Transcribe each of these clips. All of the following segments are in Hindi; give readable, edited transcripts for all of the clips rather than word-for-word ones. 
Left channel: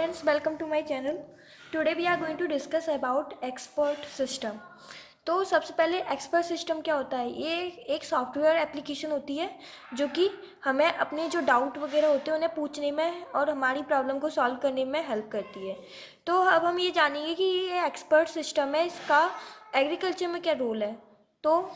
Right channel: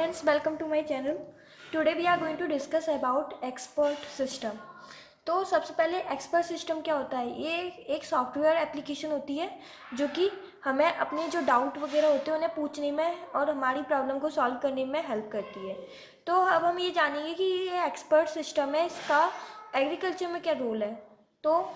friends, welcome to my channel. Today we are going to discuss about expert system. तो सबसे पहले एक्सपर्ट सिस्टम क्या होता है? ये एक सॉफ्टवेयर एप्लीकेशन होती है जो कि हमें अपने जो डाउट वगैरह होते हैं उन्हें पूछने में और हमारी प्रॉब्लम को सॉल्व करने में हेल्प करती है। तो अब हम ये जानेंगे कि ये एक्सपर्ट सिस्टम है, इसका एग्रीकल्चर में क्या रोल है। तो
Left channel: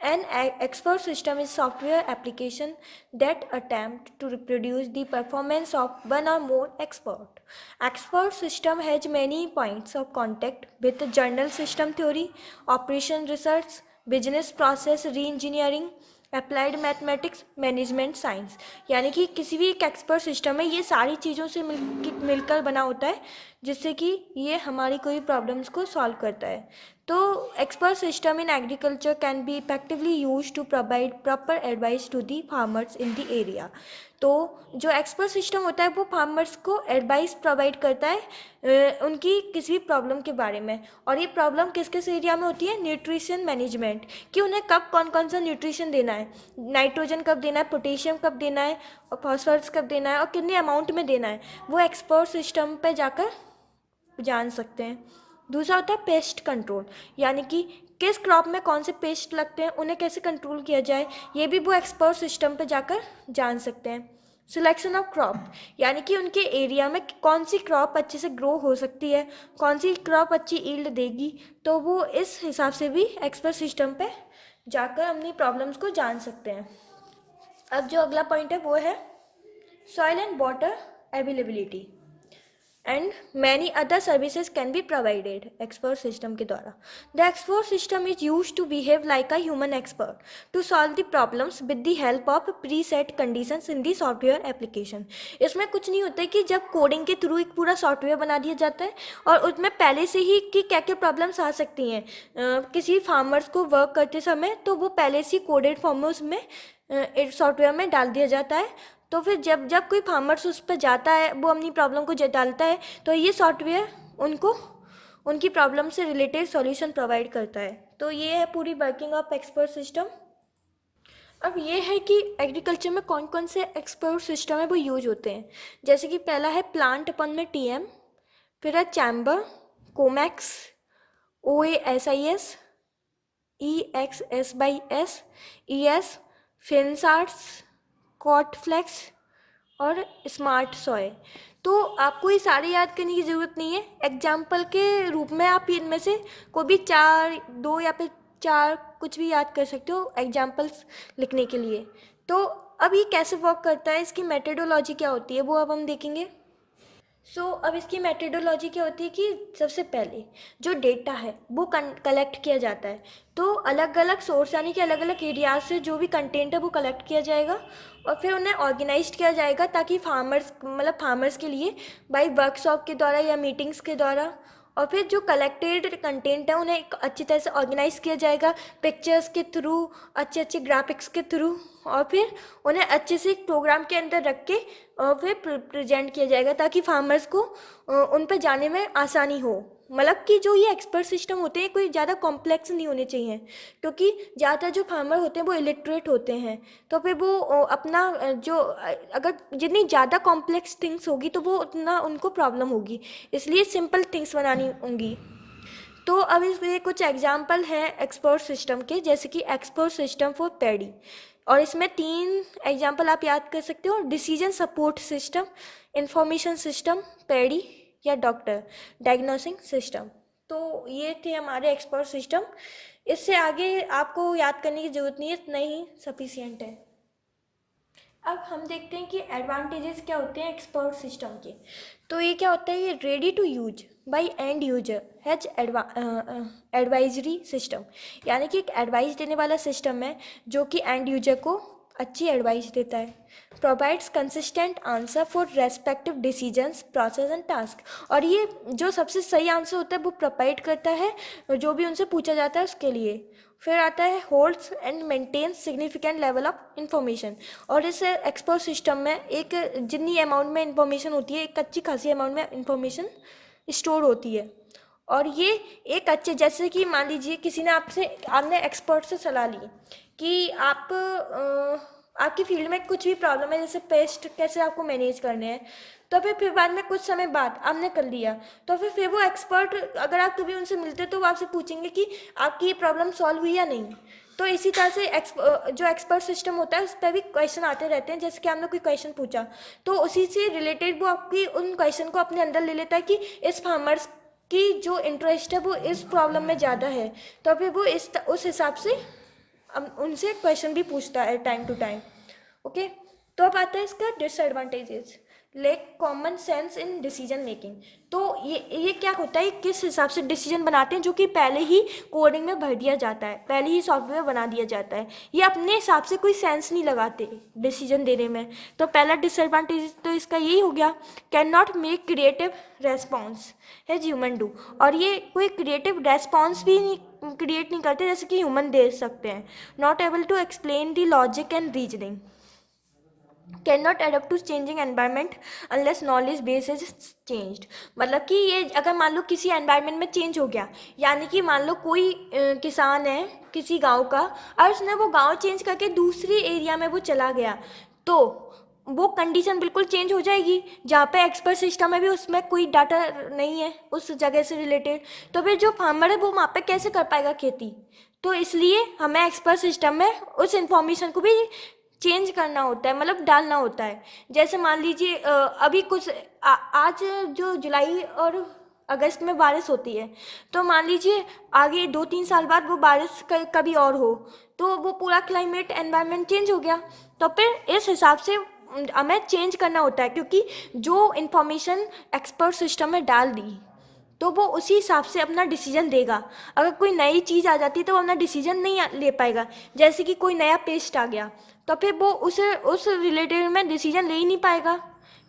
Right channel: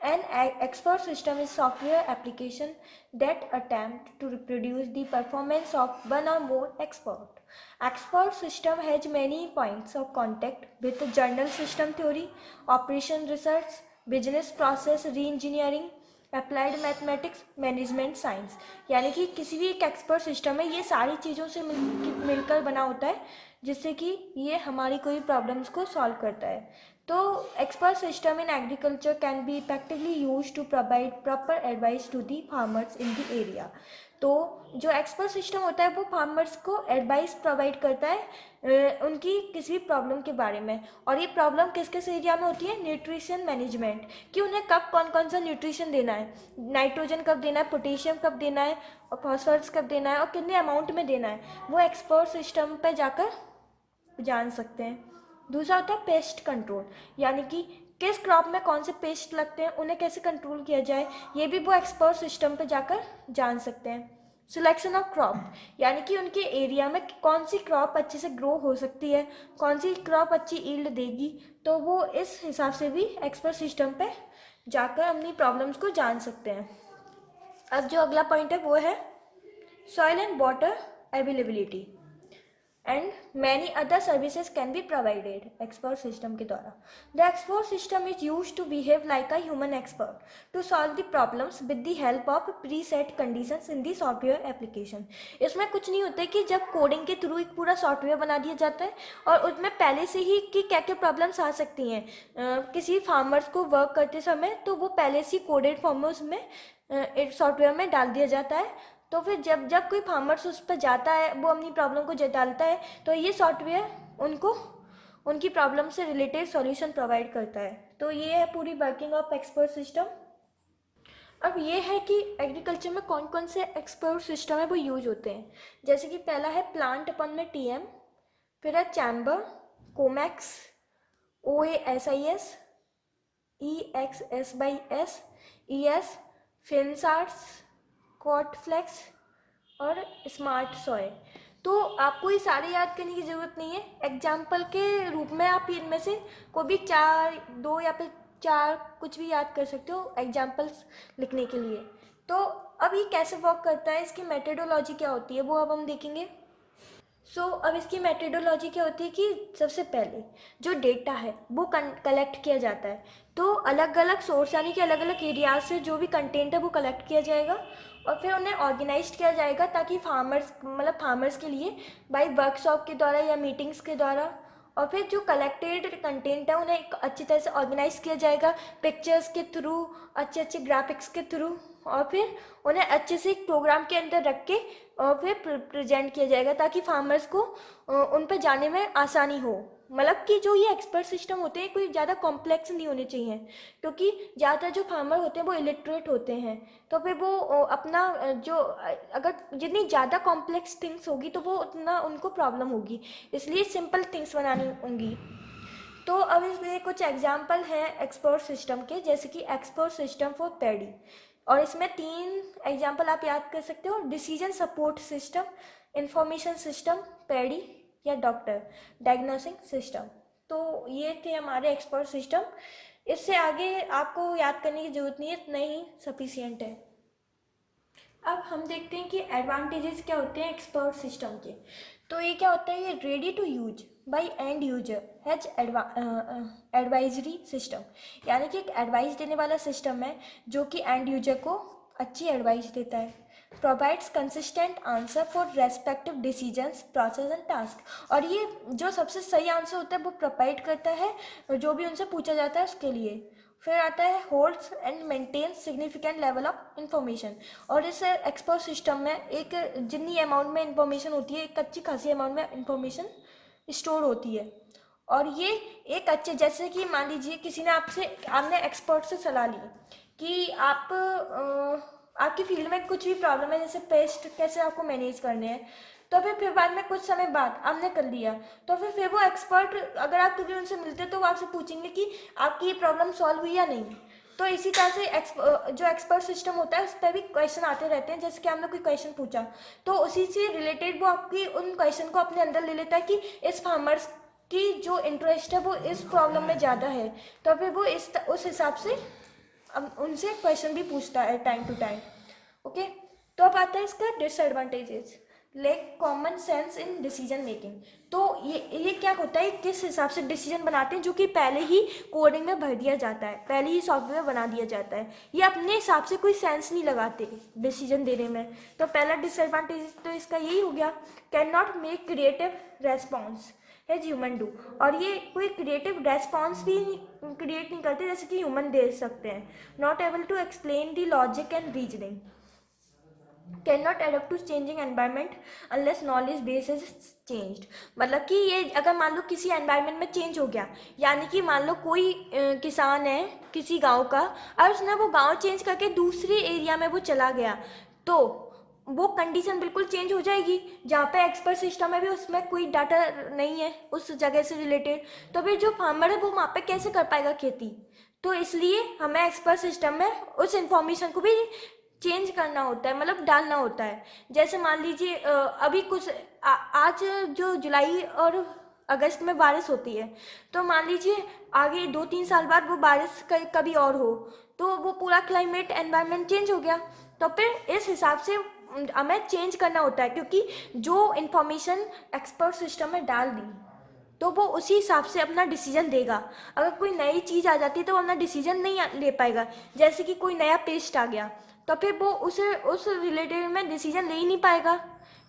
an expert system is software application that attempt to reproduce the performance of one or more expert. Expert system has many points of contact with journal system theory, operation research, business process re-engineering, applied mathematics, management science. यानी कि किसी भी एक एक्सपर्ट सिस्टम है, ये सारी चीज़ों से मिलकर बना होता है जिससे कि ये हमारी कोई प्रॉब्लम्स को सॉल्व करता है। तो expert system in agriculture can be effectively use to provide proper advice to the farmers in the area. तो जो एक्सपर्ट सिस्टम होता है वो फार्मर्स को एडवाइस प्रोवाइड करता है उनकी किसी भी प्रॉब्लम के बारे में। और ये प्रॉब्लम किस किस एरिया में होती है? न्यूट्रिशन मैनेजमेंट, कि उन्हें कब कौन कौन सा न्यूट्रिशन देना है, नाइट्रोजन कब देना है, पोटेशियम कब देना है, और फॉस्फोरस कब देना है और कितने अमाउंट में देना है, वो एक्सपर्ट सिस्टम पर जाकर जान सकते हैं। दूसरा होता है पेस्ट कंट्रोल, यानी कि किस क्रॉप में कौन से पेस्ट लगते हैं, उन्हें कैसे कंट्रोल किया जाए, ये भी वो एक्सपर्ट सिस्टम पे जाकर जान सकते हैं। सिलेक्शन ऑफ क्रॉप, यानी कि उनके एरिया में कौन सी क्रॉप अच्छे से ग्रो हो सकती है, कौन सी क्रॉप अच्छी ईल्ड देगी, तो वो इस हिसाब से भी एक्सपर्ट सिस्टम पे जाकर अपनी प्रॉब्लम्स को जान सकते हैं। अब जो अगला पॉइंट है वो है soil and water availability and many other services can be provided expert system के द्वारा। The expert system is use to behave like a human expert to solve the problems with the help of pre set conditions in the software application. इसमें कुछ नहीं होता है कि जब कोडिंग के थ्रू एक पूरा सॉफ्टवेयर बना दिया जाता है और उसमें पहले से ही कि क्या क्या प्रॉब्लम्स आ सकती हैं किसी फार्मर्स को वर्क करते समय, तो वो पहले से कोडेड फॉर्म में उसमें सॉफ्टवेयर में डाल दिया जाता है। तो फिर जब जब कोई फार्मर्स उस पर जाता है, वो अपनी प्रॉब्लम को डालता है, तो ये सॉफ्टवेयर उनको उनकी प्रॉब्लम से रिलेटेड सॉल्यूशन प्रोवाइड करता है। तो ये है पूरी वर्किंग ऑफ एक्सपर्ट सिस्टम। अब ये है कि एग्रीकल्चर में कौन कौन से एक्सपर्ट सिस्टम है वो यूज होते हैं। जैसे कि पहला है प्लांट अपन में टीएम, फिर है चैम्बर, कोमैक्स, OASIS, EXS/S, ES, फिनसार्ट्स, कॉटफ्लेक्स और स्मार्ट सॉय। तो आपको ये सारे याद करने की ज़रूरत नहीं है, एग्जाम्पल के रूप में आप इनमें से कोई भी चार, दो या फिर चार कुछ भी याद कर सकते हो एग्जाम्पल्स लिखने के लिए। तो अब ये कैसे वर्क करता है, इसकी मेथडोलॉजी क्या होती है, वो अब हम देखेंगे। अब इसकी मेथडोलॉजी क्या होती है कि सबसे पहले जो डेटा है वो कलेक्ट किया जाता है। तो अलग अलग सोर्स यानी कि अलग अलग एरियाज से जो भी कंटेंट है वो कलेक्ट किया जाएगा और फिर उन्हें ऑर्गेनाइज किया जाएगा ताकि फार्मर्स के लिए बाई वर्कशॉप के द्वारा या मीटिंग्स के द्वारा। और फिर जो कलेक्टेड कंटेंट है उन्हें एक अच्छी तरह से ऑर्गेनाइज किया जाएगा पिक्चर्स के थ्रू, अच्छे अच्छे ग्राफिक्स के थ्रू, और फिर उन्हें अच्छे से प्रोग्राम के अंदर रख के और फिर प्रेजेंट किया जाएगा ताकि फार्मर्स को उन पर जाने में आसानी हो। मतलब कि जो ये एक्सपर्ट सिस्टम होते हैं कोई ज़्यादा कॉम्प्लेक्स नहीं होने चाहिए, क्योंकि ज़्यादातर जो फार्मर होते हैं वो इलिटरेट होते हैं। तो फिर वो अपना जो अगर जितनी ज़्यादा कॉम्प्लेक्स थिंग्स होगी तो वो उतना उनको प्रॉब्लम होगी, इसलिए सिंपल थिंग्स बनानी होंगी। तो अब इसमें कुछ एग्जाम्पल हैं एक्सपर्ट सिस्टम के, जैसे कि एक्सपर्ट सिस्टम फॉर पैडी, और इसमें 3 एग्जाम्पल आप याद कर सकते हो। Decision support system, information system, paddy या डॉक्टर डायग्नोसिंग सिस्टम। तो ये थे हमारे एक्सपर्ट सिस्टम। इससे आगे आपको याद करने की ज़रूरत नहीं है, इतना ही सफिशियंट है। अब हम देखते हैं कि एडवांटेजेस क्या होते हैं एक्सपर्ट सिस्टम के। तो ये क्या होता है, ये ready to use by end user has advisory system, यानी कि एक एडवाइस देने वाला सिस्टम है जो कि एंड यूजर को अच्छी एडवाइस देता है। Provides consistent answer for respective decisions, process and task, और ये जो सबसे सही आंसर होता है वो प्रोवाइड करता है जो भी उनसे पूछा जाता है उसके लिए। फिर आता है holds and maintains significant level of information, और इस एक्सपर्ट सिस्टम में एक जितनी अमाउंट में इंफॉर्मेशन होती है, एक अच्छी खासी अमाउंट में इंफॉर्मेशन स्टोर होती है। और ये एक अच्छे, जैसे कि मान लीजिए किसी ने आपने एक्सपर्ट से सलाह ली कि आपकी फील्ड में कुछ भी प्रॉब्लम है, जैसे पेस्ट कैसे आपको मैनेज करने हैं, तो फिर बाद में कुछ समय बाद आपने कर लिया, तो फिर वो एक्सपर्ट अगर आप कभी उनसे मिलते तो वो आपसे पूछेंगे कि आपकी ये प्रॉब्लम सॉल्व हुई या नहीं। तो इसी तरह से जो एक्सपर्ट सिस्टम होता है उस पर भी क्वेश्चन आते रहते हैं। जैसे कि आपने कोई क्वेश्चन पूछा तो उसी से रिलेटेड वो आपकी उन क्वेश्चन को अपने अंदर ले लेता है कि इस फार्मर्स की जो इंटरेस्ट है वो इस प्रॉब्लम में ज़्यादा है, तो फिर वो उस हिसाब से उनसे क्वेश्चन भी पूछता है टाइम टू टाइम। ओके, तो अब आता है इसका disadvantages. Lake common sense in decision making. तो ये क्या होता है, किस हिसाब से डिसीजन बनाते हैं जो कि पहले ही कोडिंग में भर दिया जाता है, पहले ही सॉफ्टवेयर बना दिया जाता है। ये अपने हिसाब से कोई सेंस नहीं लगाते डिसीजन देने में। तो पहला डिसएडवांटेज तो इसका यही हो गया, can not make creative response है ह्यूमन डू। और ये कोई क्रिएटिव रेस्पॉन्स भी क्रिएट नहीं करते जैसे कि ह्यूमन दे सकते हैं। Not able to explain the logic and reasoning, can not adapt to changing environment unless knowledge base is changed. मतलब कि ये अगर मान लो किसी एनवायरमेंट में चेंज हो गया, यानी कि मान लो कोई किसान है किसी गांव का और उसने वो गांव चेंज करके दूसरी एरिया में वो चला गया, तो वो कंडीशन बिल्कुल चेंज हो जाएगी जहाँ पे एक्सपर्ट सिस्टम है भी उसमें कोई डाटा नहीं है उस जगह से रिलेटेड। तो फिर जो फार्मर है वो वहाँ पे कैसे कर पाएगा खेती। तो इसलिए हमें एक्सपर्ट सिस्टम में उस इंफॉर्मेशन को भी चेंज करना होता है, मतलब डालना होता है। जैसे मान लीजिए अभी कुछ आज जो जुलाई और अगस्त में बारिश होती है, तो मान लीजिए आगे 2-3 साल बाद वो बारिश कभी और हो, तो वो पूरा क्लाइमेट एनवायरनमेंट चेंज हो गया। तो फिर इस हिसाब से हमें चेंज करना होता है, क्योंकि जो इन्फॉर्मेशन एक्सपर्ट सिस्टम में डाल दी तो वो उसी हिसाब से अपना डिसीजन देगा। अगर कोई नई चीज़ आ जाती है तो वो अपना डिसीजन नहीं ले पाएगा। जैसे कि कोई नया पेस्ट आ गया तो फिर वो उस रिलेटेड में डिसीजन ले ही नहीं पाएगा,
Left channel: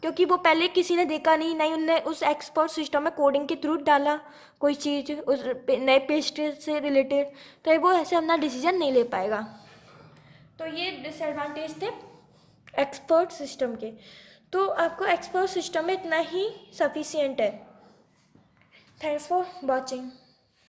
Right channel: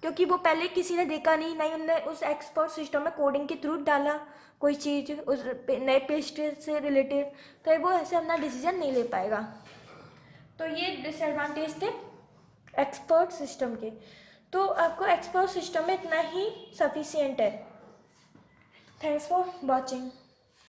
क्योंकि वो पहले किसी ने देखा नहीं, नहीं उनने उस एक्सपर्ट सिस्टम में कोडिंग के थ्रू डाला कोई चीज़ उस नए पेस्ट से रिलेटेड, तो वो ऐसे अपना डिसीजन नहीं ले पाएगा। तो ये डिसएडवांटेज थे एक्सपर्ट सिस्टम के। तो आपको एक्सपर्ट सिस्टम में इतना ही सफिशिएंट है। Thanks for watching.